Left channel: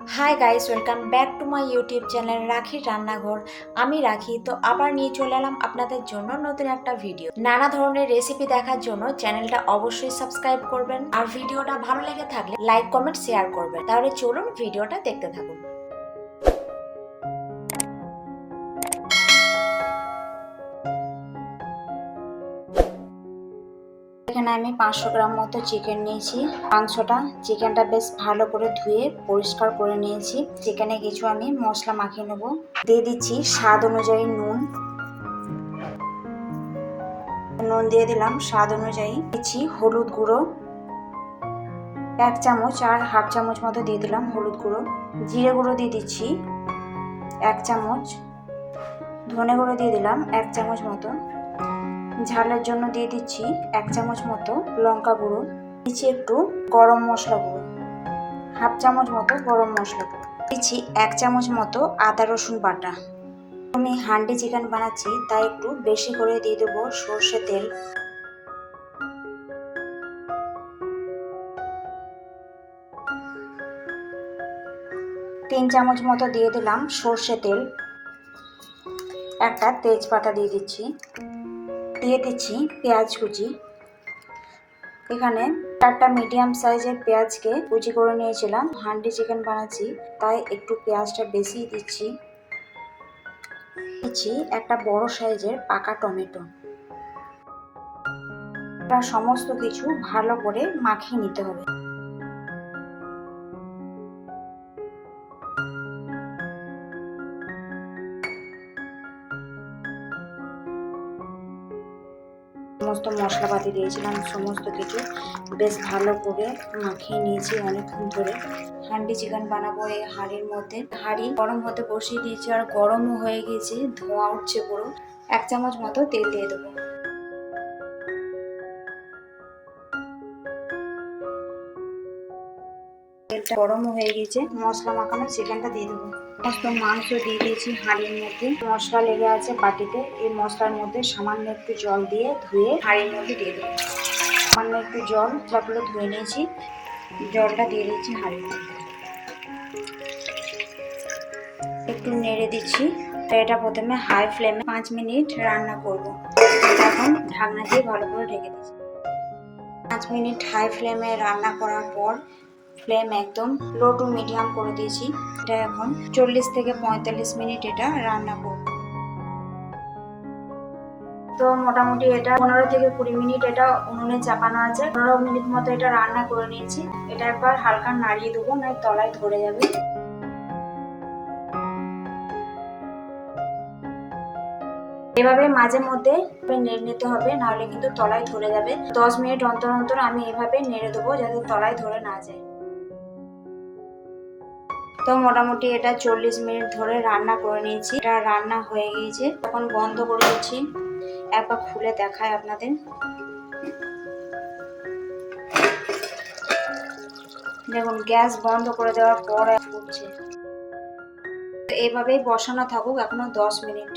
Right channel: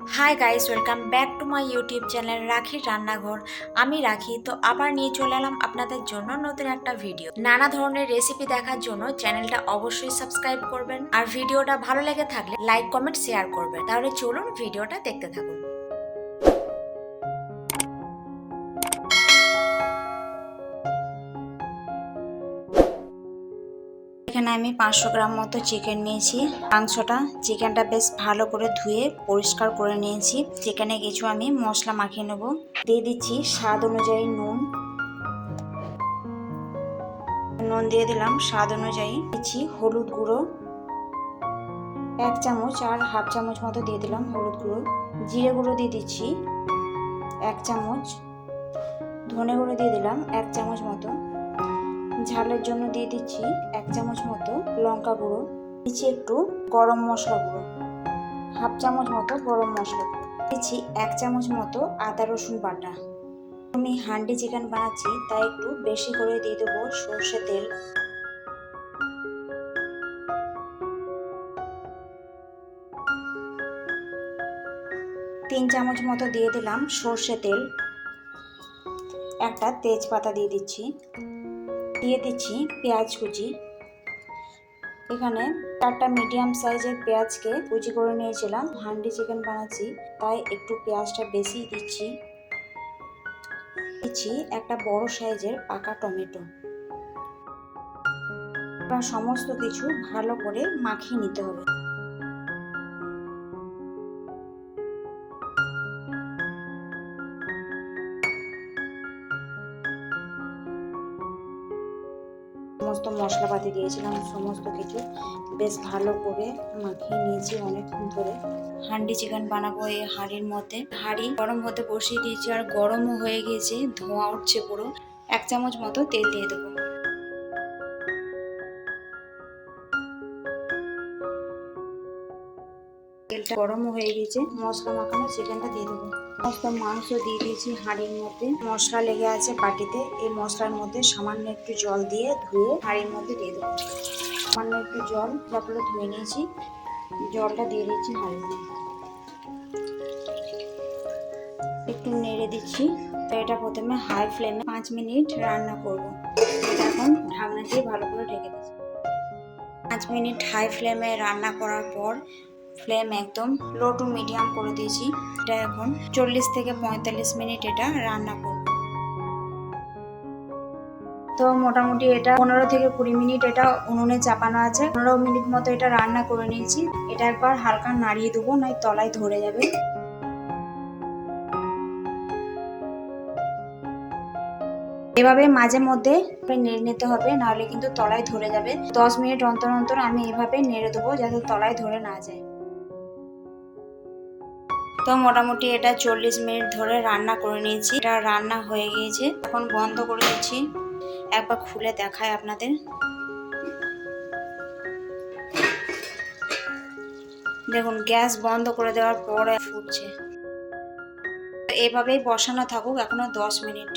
Hi guys welcome back to my YouTube channel Rakhi রান্নাঘর আমি রাখি, তো আবার নিয়ে চলে এলাম আপনাদের জন্য নতুন একটা ভিডিও নানা ধরনের রেসিপি দেখার জন্য চ্যানেলটা অবশ্যই সাবস্ক্রাইব করবেন। আর ভিডিওটা ভালো লেগে থাকলে লাইক কমেন্ট শেয়ার করবেন। তাহলে চলুন ভিডিওটা দেখতে থাকুন। এখানে আমি পাঁচশো গ্রাম মতো চিকেন নিয়েছি। মাংসটা চিকেনটা বেশ ভালো করে ধুয়ে পরিষ্কার করে নিয়েছি। চিকেনে কিছু আমি মশলা মাখিয়ে নেব। দিয়ে দিচ্ছি স্বাদ অনুযায়ী নুন। নুন দিয়ে দিলাম, স্বাদ অনুযায়ী দিচ্ছি হলুদ গুঁড়ো। এক চামচ আর হাফ চামচ মতো দিয়ে দিলাম হলুদ গুঁড়ো। জিরে গুঁড়ো দিয়ে দিচ্ছি এক চামচ। ধনে গুঁড়ো দিয়ে দিলাম এক চামচ মতো। ঝালের জন্য দিয়ে দিচ্ছি এক চামচ মতো লঙ্কা গুঁড়ো, দিচ্ছি একটু গরম মশলা গুঁড়ো, হাফ চামচ মতো গরম মশলা, দিচ্ছি এক চামচ মতো আদা রসুন বাটা। আমি হান্ডি চিকেন বানাচ্ছি, তাই একটু বেশি করে দিয়ে দেবো সর্ষে তেল। তিন চামচ মতো দিয়ে দিলাম সর্ষে তেল। একটা তেজপাতা দিয়ে দিচ্ছি। দিয়ে দিচ্ছি পেঁয়াজ কুচি। এখানে চারটা মিডিয়াম সাইজের পেঁয়াজকে কুচি করে নিয়েছিলাম। হান্ডি চিকেন বানাচ্ছি, তাই একটু পেঁয়াজটা বেশি দিচ্ছি। দিচ্ছি একটা বড় সাইজের পাকা টমেটো। সমস্ত কিছু ভালো করে মাখিয়ে নিতে হবে। সমস্ত মশলাপাতি দিয়েছিলাম, সমস্ত কিছু। বেশ ভালো করে মাখিয়ে নিয়েছি অনেকক্ষণ ধরে। হান্ডি চিকেন বানাবো এই হাঁড়ির মধ্যে। হাঁড়ি গরম হতে বসিয়ে দিয়েছি আর গরমও হয়ে গেছে ধোঁয়া উঠছে পুরো। এক চামচ মতো তেল দিয়ে দেবো। তেলটা গরমও হয়ে গেছে মশলা মাখানো চিকেনটা দিয়ে দেবো। সমস্ত মাংস দিয়ে দিয়েছি হাঁড়ির মধ্যে। মশলা লেগে আছে বাটিতে। এই মশলার মধ্যে সামান্য একটু জল দিয়ে ধুয়ে হাঁড়ির মধ্যে দিয়ে দেবো। সামান্য একটু জল তারপরে ধুয়ে নিয়েছি। জলটা দিয়ে দিচ্ছি হাঁড়ির মধ্যে। একটু নেড়ে দিচ্ছি। তো এটা প্রথমে হাই ফ্লেমে পাঁচ মিনিট রান্না করব। এখন ঢাকনা দিয়ে ভালো করে ঢেকে দিচ্ছি। পাঁচ মিনিট হাই ফ্লেমে রান্না করার পর ফ্লেম একদম লো টু মিডিয়াম করে দিয়েছি। এটা এখন চল্লিশ থেকে পঁয়তাল্লিশ মিনিট এটা রান্না করব। তো মোটামুটি এটা পনেরো থেকে কুড়ি মিনিট এটা উনুনে চাপানো আছে। পনেরো মিনিট মতো এটা রান্না করে নিয়েছি। এটা একবার হালকা নাড়িয়ে দেবো, নয় তলায় ধরে যাবে। এভাবে মাঝে মধ্যে নেড়ে নিতে হবে, নাহলে কিন্তু তলায় ধরে যাবে। দশ মিনিট অন্তর অন্তর আমি এভাবে নেড়ে দেবো, যাতে তলায় ধরে না যায়। তো মোটামুটি এটা চল্লিশ মিনিট ধরে রান্না করে নিয়েছি। এটা রান্না হয়ে গিয়েছে। এখন বন্ধ করে দিচ্ছি। একবার খুলে দেখায় আপনাদের। দেখুন, গ্যাস বন্ধ করে দেওয়ার পরে ফুটছে। তো এভাবেই বসানো থাকুক এখনও দশ মিনিট।